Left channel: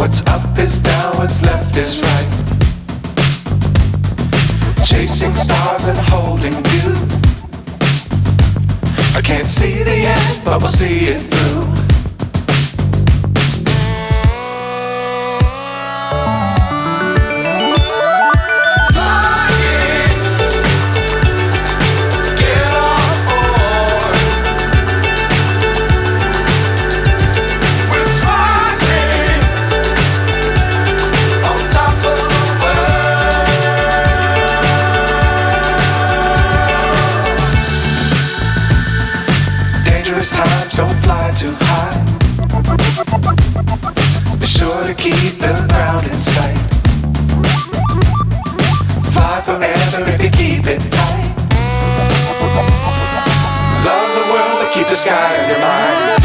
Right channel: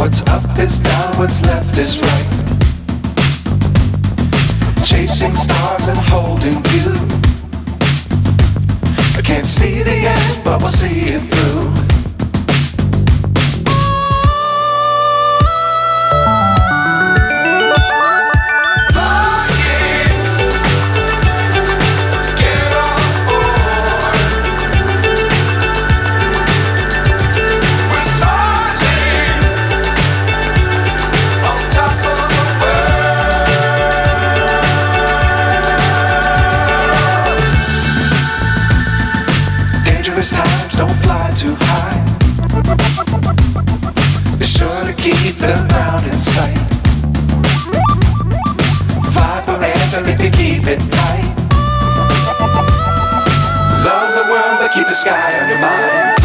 What's up is down, what's left is right. Chasing stars and holding you. I can't see the end, but we'll see it through. Times don't fly too high. Be sure to keep the ground in sight. Fly forever if you keep it tight. Love the world but keep the sky on your mind.